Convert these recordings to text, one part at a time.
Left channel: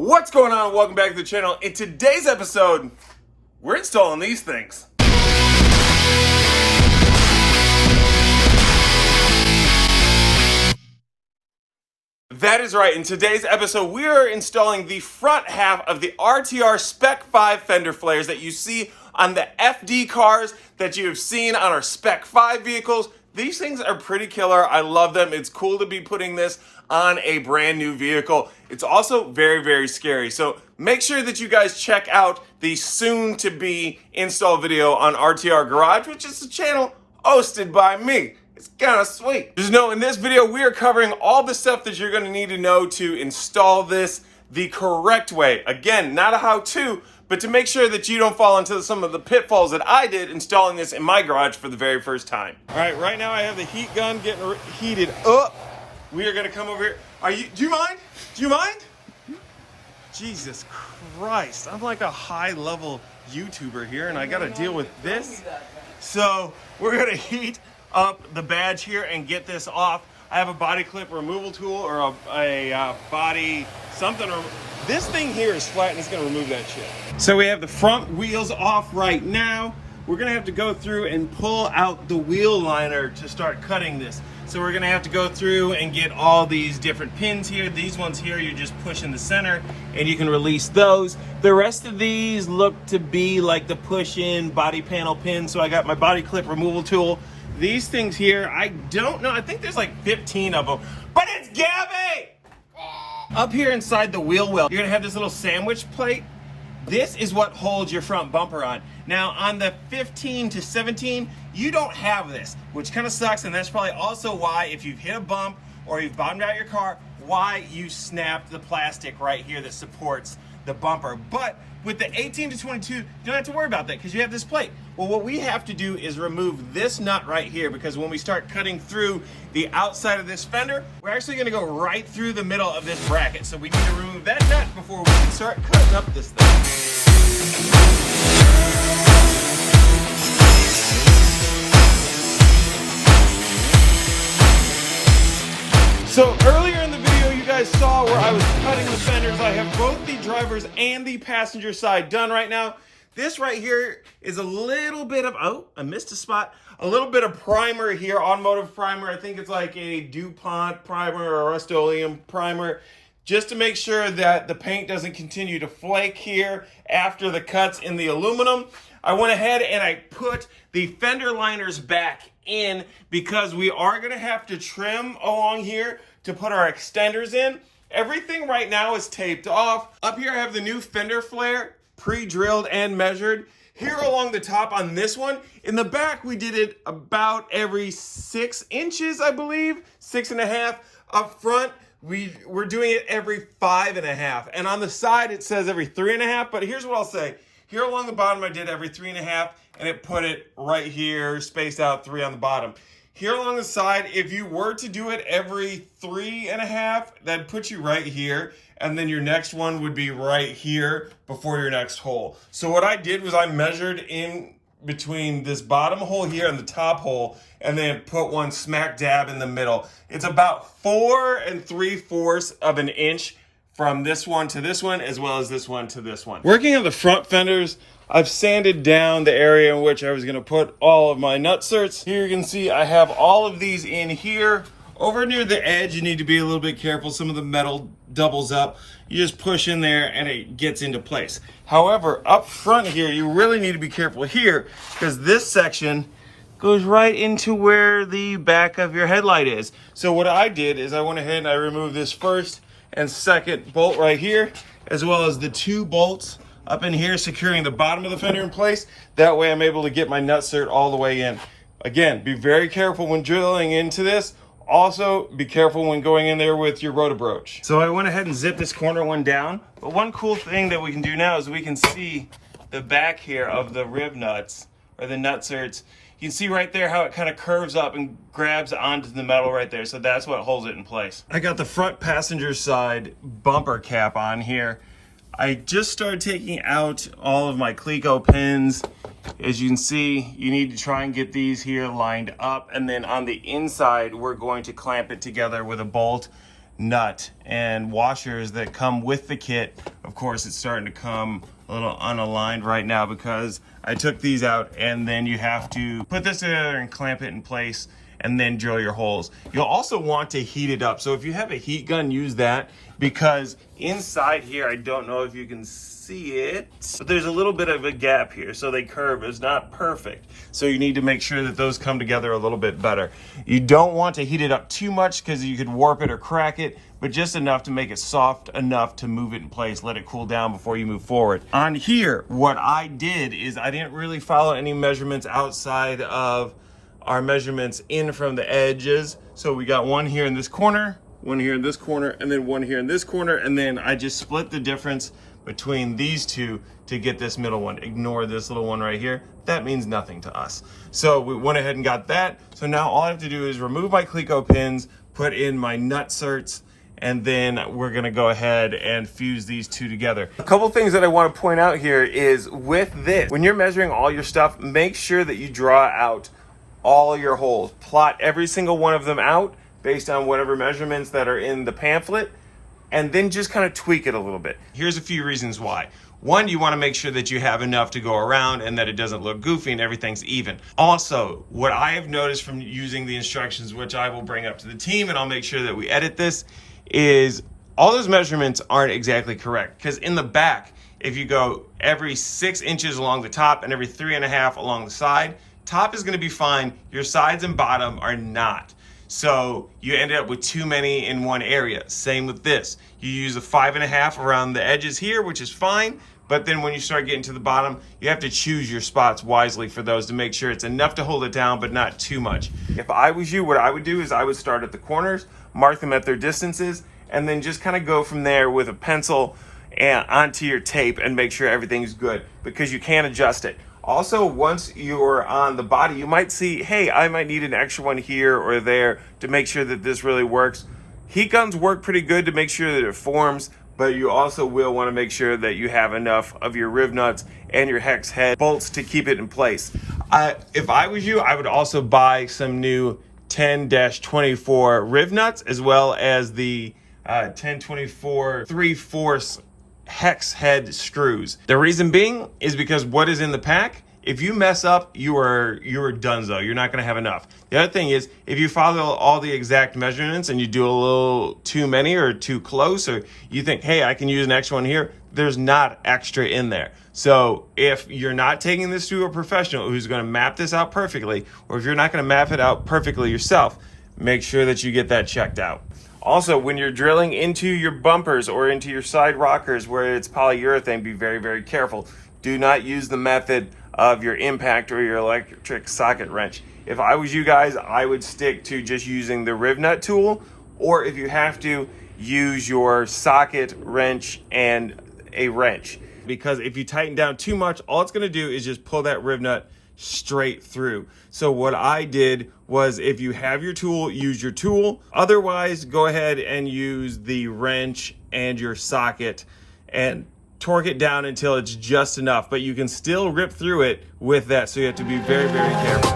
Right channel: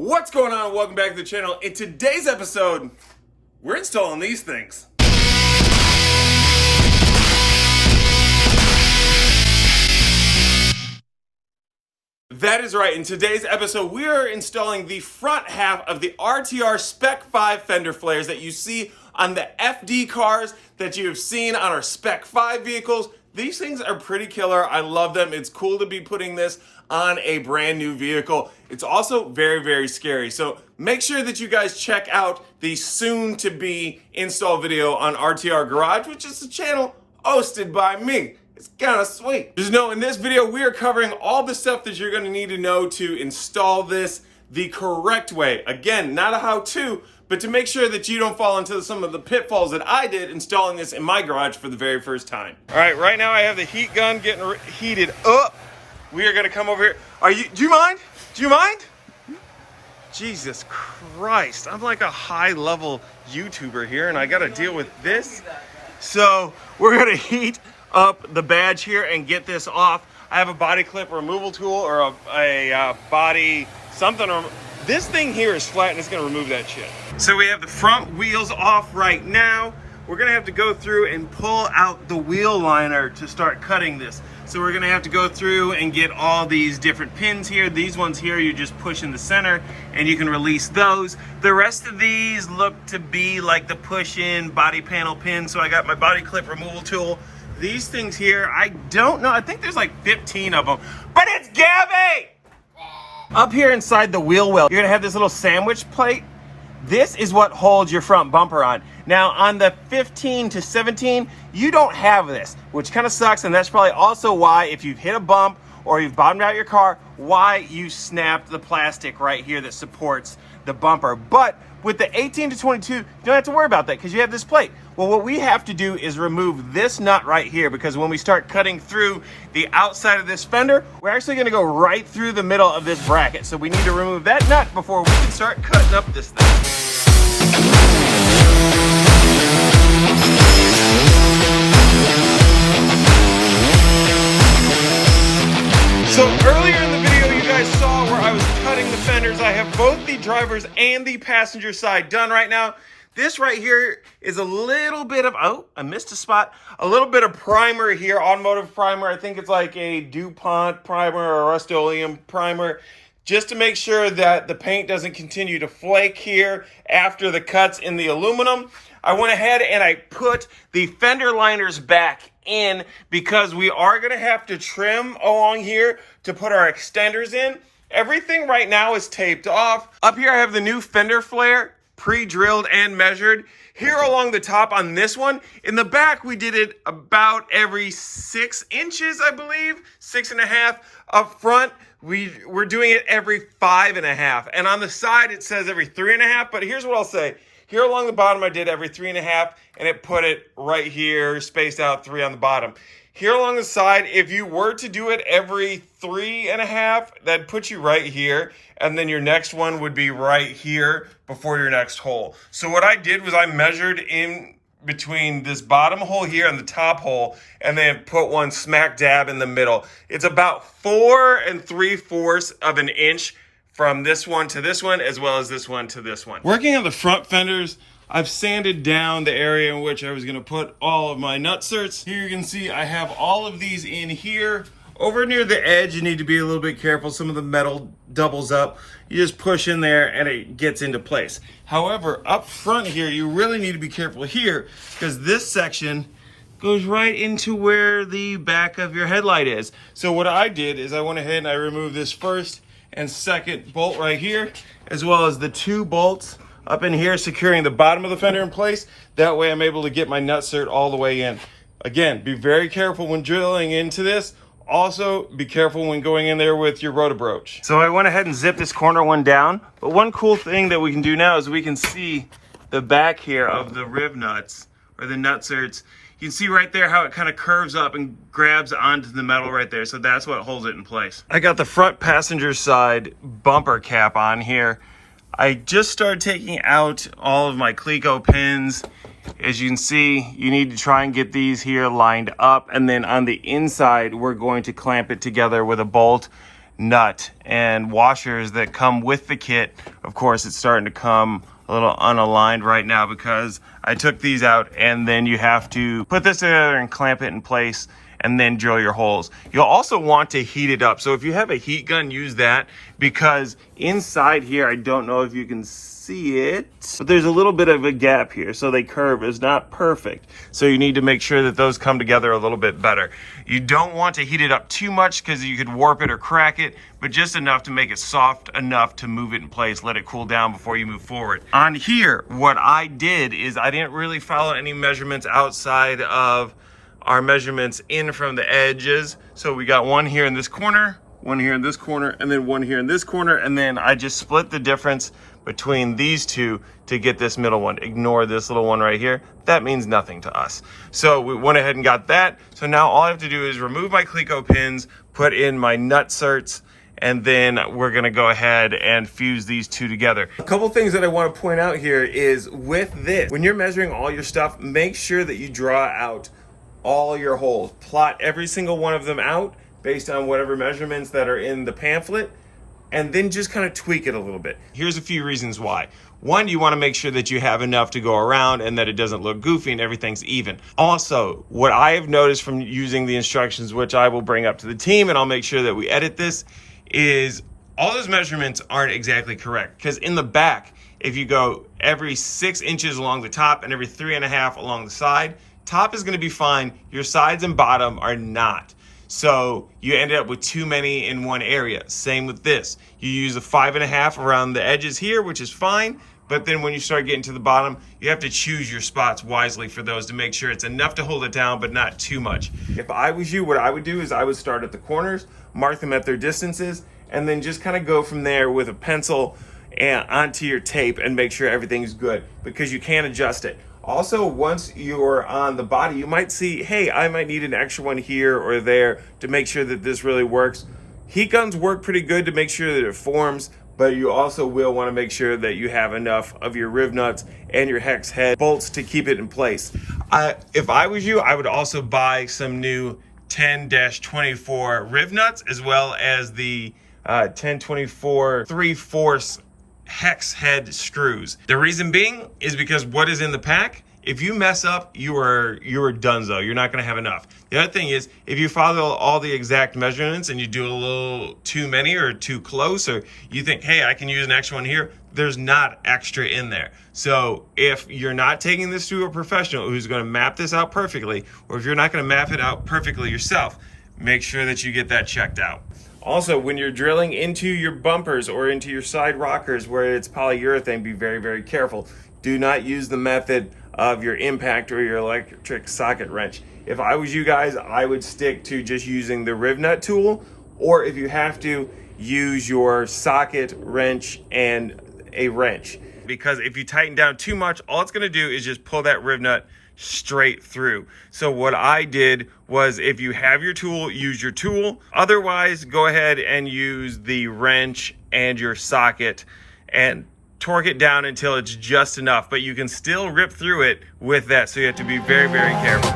What's going on? Welcome back to the channel. In today's episode, we're installing these things. That is right. In today's episode, we are installing the front half of the RTR Spec 5 fender flares that you see on the FD cars that you have seen on our Spec 5 vehicles. These things are pretty killer. I love them. It's cool to be putting this on a brand new vehicle. It's also very, very scary. So make sure that you guys check out the soon to be install video on RTR Garage, which is the channel hosted by me. It's kind of sweet. Just know in this video, we are covering all the stuff that you're gonna need to know to install this the correct way. Again, not a how-to, but to make sure that you don't fall into some of the pitfalls that I did installing this in my garage for the very first time. All right, right now I have the heat gun getting heated up. We are gonna come over here. Do you mind? Do you mind? Jesus Christ, I'm like a high level YouTuber here and I gotta deal with this. So we're gonna heat up the badge here and get this off. I have a body clip removal tool or a body something. This thing here is flat and it's gonna remove that shit. So we have the front wheels off right now. We're gonna have to go through and pull out the wheel liner to start cutting this. So we're gonna have to go through and get all these different pins here. These ones here, you just push in the center and you can release those. The rest of these look to be like the push-in body panel pins. So I got my body clip removal tool. These things here, I don't know. I think there's like 15 of them, but it's Gabby! Up here inside the wheel well, you're gonna have this little sandwich plate. This is what holds your front bumper on. Now on the 15 to 17, you don't have this, which kind of sucks, and that's probably also why if you've hit a bump or you've bottomed out your car, why you snapped the plastic right here that supports the bumper. But with the 18 to 22, you don't have to worry about that because you have this plate. Well, what we have to do is remove this nut right here because when we start cutting through the outside of this fender, we're actually gonna go right through the middle of this bracket. So we need to remove that nut before we can start cutting up this thing. So earlier in the video, you guys saw where I was cutting the fenders. I have both the driver's and the passenger side done right now. This right here is a little bit of, oh, I missed a spot. A little bit of primer here, automotive primer. I think it's like a DuPont primer or Rust-Oleum primer, just to make sure that the paint doesn't continue to flake here after the cuts in the aluminum. I went ahead and I put the fender liners back in because we are gonna have to trim along here to put our extenders in. Everything right now is taped off. Up here I have the new fender flare, pre-drilled and measured. Here along the top on this one, in the back we did it about every 6 inches, I believe, 6.5. Up front, we're doing it every 5.5. And on the side it says every 3.5, but here's what I'll say. Here along the bottom I did every 3.5 and it put it right here, spaced out 3 on the bottom. Here along the side, if you were to do it every 3.5, that'd put you right here. And then your next one would be right here before your next hole. So what I did was I measured in between this bottom hole here and the top hole, and then put one smack dab in the middle. It's about 4 3/4 of an inch from this one to this one, as well as this one to this one. Working on the front fenders, I've sanded down the area in which I was gonna put all of my nutserts. Here you can see I have all of these in here. Over near the edge, you need to be a little bit careful. Some of the metal doubles up. You just push in there and it gets into place. However, up front here, you really need to be careful here because this section goes right into where the back of your headlight is. So what I did is I went ahead and I removed this first and second bolt right here, as well as the 2 bolts up in here securing the bottom of the fender in place. That way I'm able to get my nutsert all the way in. Again, be very careful when drilling into this. Also, be careful when going in there with your rotobroach. So I went ahead and zipped this corner one down. But one cool thing that we can do now is we can see the back here of the rib nuts or the nutserts. You can see right there how it kind of curves up and grabs onto the metal right there. So that's what holds it in place. I got the front passenger side bumper cap on here. I just started taking out all of my Cleco pins. As you can see, you need to try and get these here lined up, and then on the inside we're going to clamp it together with a bolt nut and washers that come with the kit. Of course, it's starting to come a little unaligned right now because I took these out, and then you have to put this together and clamp it in place and then drill your holes. You'll also want to heat it up. So if you have a heat gun, use that, because inside here, I don't know if you can see it, but there's a little bit of a gap here. So they curve. It's not perfect. So you need to make sure that those come together a little bit better. You don't want to heat it up too much because you could warp it or crack it, but just enough to make it soft enough to move it in place. Let it cool down before you move forward. On here, what I did is I didn't really follow any measurements outside of our measurements in from the edges. So we got one here in this corner, one here in this corner, and then one here in this corner. And then I just split the difference between these two to get this middle one. Ignore this little one right here. That means nothing to us. So we went ahead and got that. So now all I have to do is remove my Cleco pins, put in my nutserts, and then we're gonna go ahead and fuse these two together. A couple things that I wanna point out here is with this, when you're measuring all your stuff, make sure that you draw out all your holes. Plot every single one of them out based on whatever measurements that are in the pamphlet, and then just kind of tweak it a little bit. Here's a few reasons why. One, you want to make sure that you have enough to go around and that it doesn't look goofy and everything's even. Also, what I have noticed from using the instructions, which I will bring up to the team and I'll make sure that we edit this, is all those measurements aren't exactly correct. Because in the back, if you go every 6 inches along the top and every 3.5 along the side, top is going to be fine. Your sides and bottom are not. So you ended up with too many in one area. Same with this. You use a 5.5 around the edges here, which is fine. But then when you start getting to the bottom, you have to choose your spots wisely for those to make sure it's enough to hold it down, but not too much. If I was you, what I would do is I would start at the corners, mark them at their distances, and then just kind of go from there with a pencil and onto your tape and make sure everything's good, because you can adjust it. Also, once you're on the body, you might see, hey, I might need an extra one here or there to make sure that this really works. Heat guns work pretty good to make sure that it forms, but you also will want to make sure that you have enough of your riv nuts and your hex head bolts to keep it in place. If I was you, I would also buy some new 10-24 riv nuts, as well as the 10-24 3/4 hex head screws. The reason being is because what is in the pack, if you mess up, you are donezo. You're not going to have enough. The other thing is, if you follow all the exact measurements and you do a little too many or too close, or you think, hey, I can use an extra one here, there's not extra in there. So if you're not taking this to a professional who's going to map this out perfectly, or if you're not going to map it out perfectly yourself, make sure that you get that checked out. Also, when you're drilling into your bumpers or into your side rockers where it's polyurethane, be very, very careful. Do not use the method of your impact or your electric socket wrench. If I was you guys, I would stick to just using the riv nut tool, or if you have to, use your socket wrench and a wrench. Because if you tighten down too much, all it's gonna do is just pull that riv nut straight through. So what I did was, if you have your tool, use your tool. Otherwise, go ahead and use the wrench and your socket and torque it down until it's just enough, but you can still rip through it with that. So you have to be very, very careful.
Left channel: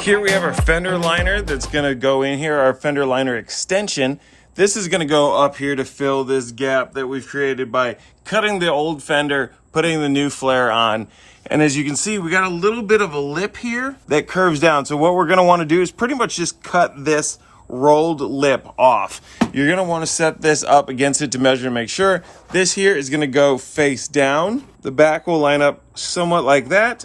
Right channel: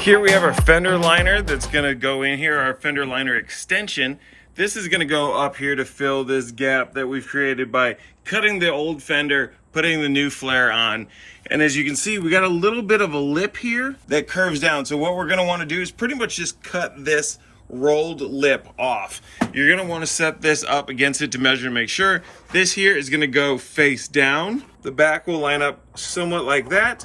Here we have our fender liner that's gonna go in here, our fender liner extension. This is gonna go up here to fill this gap that we've created by cutting the old fender, putting the new flare on. And as you can see, we got a little bit of a lip here that curves down. So what we're gonna wanna do is pretty much just cut this rolled lip off. You're gonna wanna set this up against it to measure and make sure. This here is gonna go face down. The back will line up somewhat like that.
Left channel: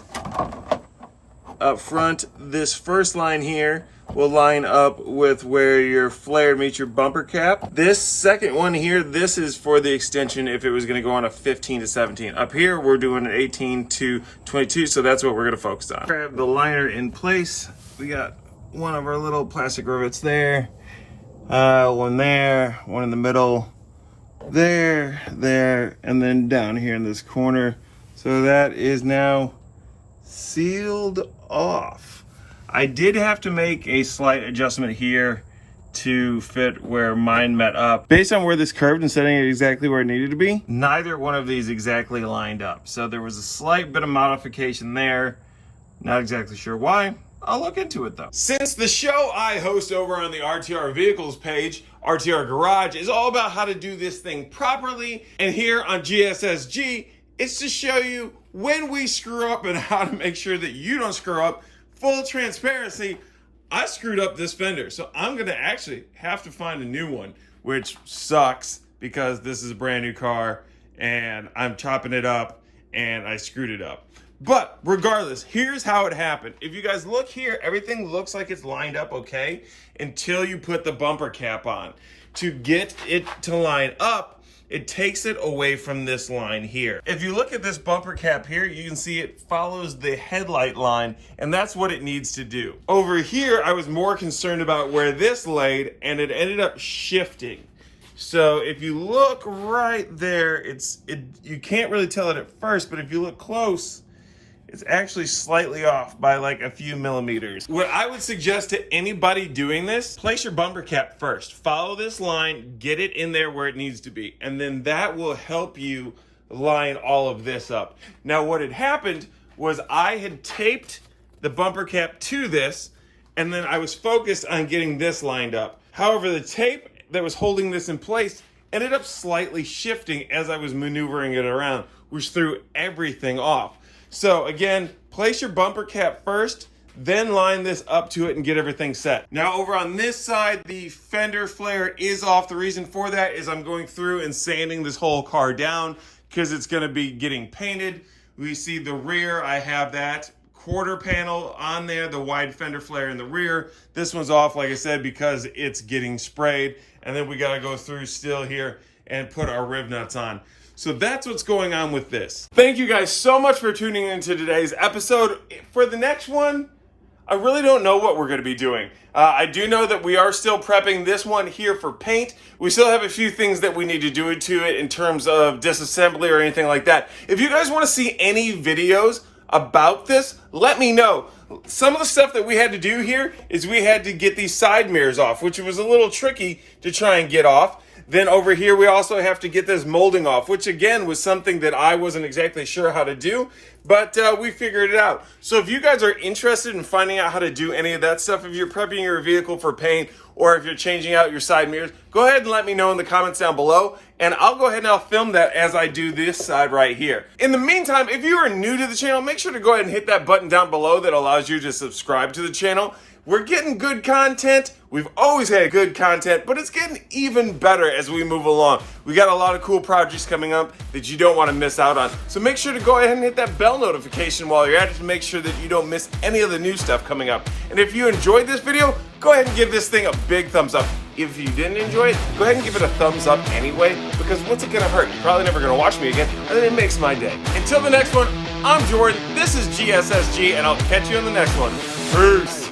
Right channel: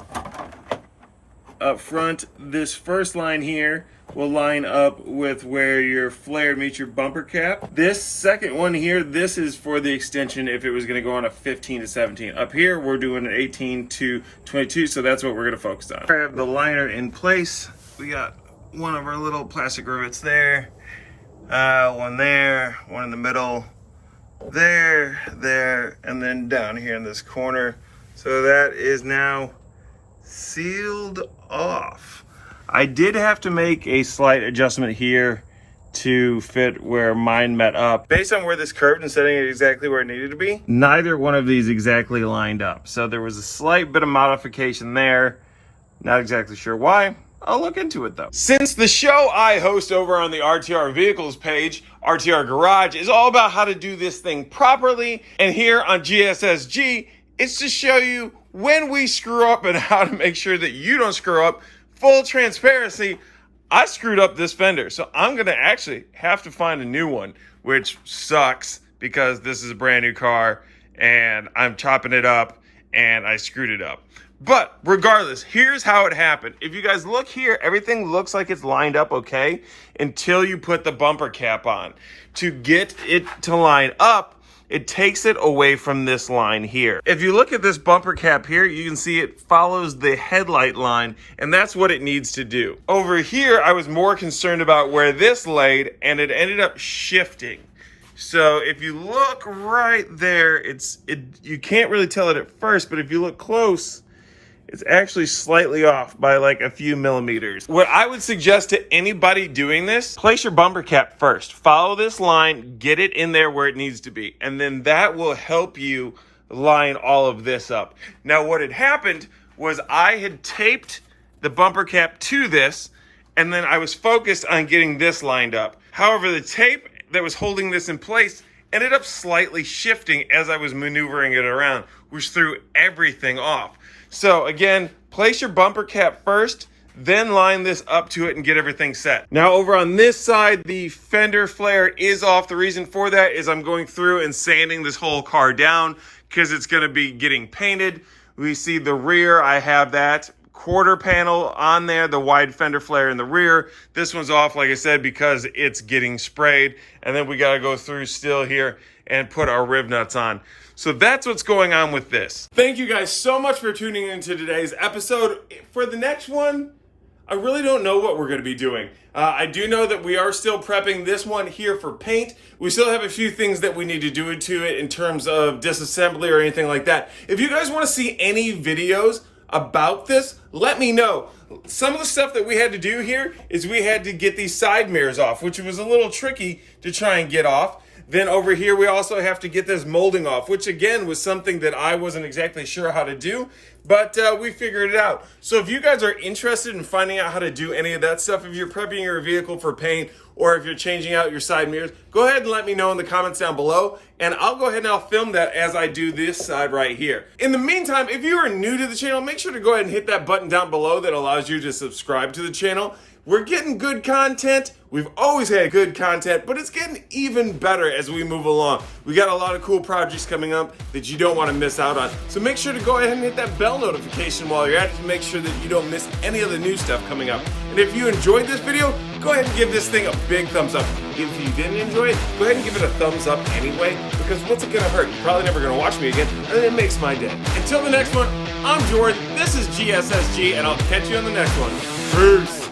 Up front, this first line here will line up with where your flare meets your bumper cap. This second one here, this is for the extension if it was gonna go on a 15 to 17. Up here, we're doing an 18 to 22, so that's what we're gonna focus on. I have the liner in place. We got one of our little plastic rivets there, one there, one in the middle, there, and then down here in this corner. So that is now sealed off. I did have to make a slight adjustment here to fit where mine met up. Based on where this curved and setting it exactly where it needed to be, neither one of these exactly lined up. So there was a slight bit of modification there. Not exactly sure why. I'll look into it though. Since the show I host over on the RTR Vehicles page, RTR Garage, is all about how to do this thing properly, and here on GSSG, it's to show you when we screw up and how to make sure that you don't screw up. Full transparency, I screwed up this fender, so I'm gonna actually have to find a new one, which sucks because this is a brand new car and I'm chopping it up and I screwed it up. But regardless, here's how it happened. If you guys look here, everything looks like it's lined up okay until you put the bumper cap on. To get it to line up, it takes it away from this line here. If you look at this bumper cap here, you can see it follows the headlight line, and that's what it needs to do. Over here, I was more concerned about where this laid, and it ended up shifting. So if you look right there, you can't really tell it at first, but if you look close, it's actually slightly off by like a few millimeters. What I would suggest to anybody doing this, place your bumper cap first. Follow this line, get it in there where it needs to be, and then that will help you line all of this up. Now what had happened was I had taped the bumper cap to this, and then I was focused on getting this lined up. However, the tape that was holding this in place ended up slightly shifting as I was maneuvering it around, which threw everything off. So again, place your bumper cap first, then line this up to it and get everything set. Now over on this side, the fender flare is off. The reason for that is I'm going through and sanding this whole car down because it's gonna be getting painted. We see the rear, I have that quarter panel on there, the wide fender flare in the rear. This one's off, like I said, because it's getting sprayed. And then we gotta go through still here and put our rib nuts on. So that's what's going on with this. Thank you guys so much for tuning into today's episode. For the next one, I really don't know what we're gonna be doing. I do know that we are still prepping this one here for paint. We still have a few things that we need to do to it in terms of disassembly or anything like that. If you guys wanna see any videos about this, let me know. Some of the stuff that we had to do here is we had to get these side mirrors off, which was a little tricky to try and get off. Then over here, we also have to get this molding off, which again was something that I wasn't exactly sure how to do, but we figured it out. So if you guys are interested in finding out how to do any of that stuff, if you're prepping your vehicle for paint, or if you're changing out your side mirrors, go ahead and let me know in the comments down below, and I'll go ahead and I'll film that as I do this side right here. In the meantime, if you are new to the channel, make sure to go ahead and hit that button down below that allows you to subscribe to the channel. We're getting good content. We've always had good content, but it's getting even better as we move along. We got a lot of cool projects coming up that you don't want to miss out on. So make sure to go ahead and hit that bell notification while you're at it to make sure that you don't miss any of the new stuff coming up. And if you enjoyed this video, go ahead and give this thing a big thumbs up. If you didn't enjoy it, go ahead and give it a thumbs up anyway, because what's it gonna hurt? You're probably never gonna watch me again, and then it makes my day. Until the next one, I'm Jordan, this is GSSG, and I'll catch you on the next one. Peace.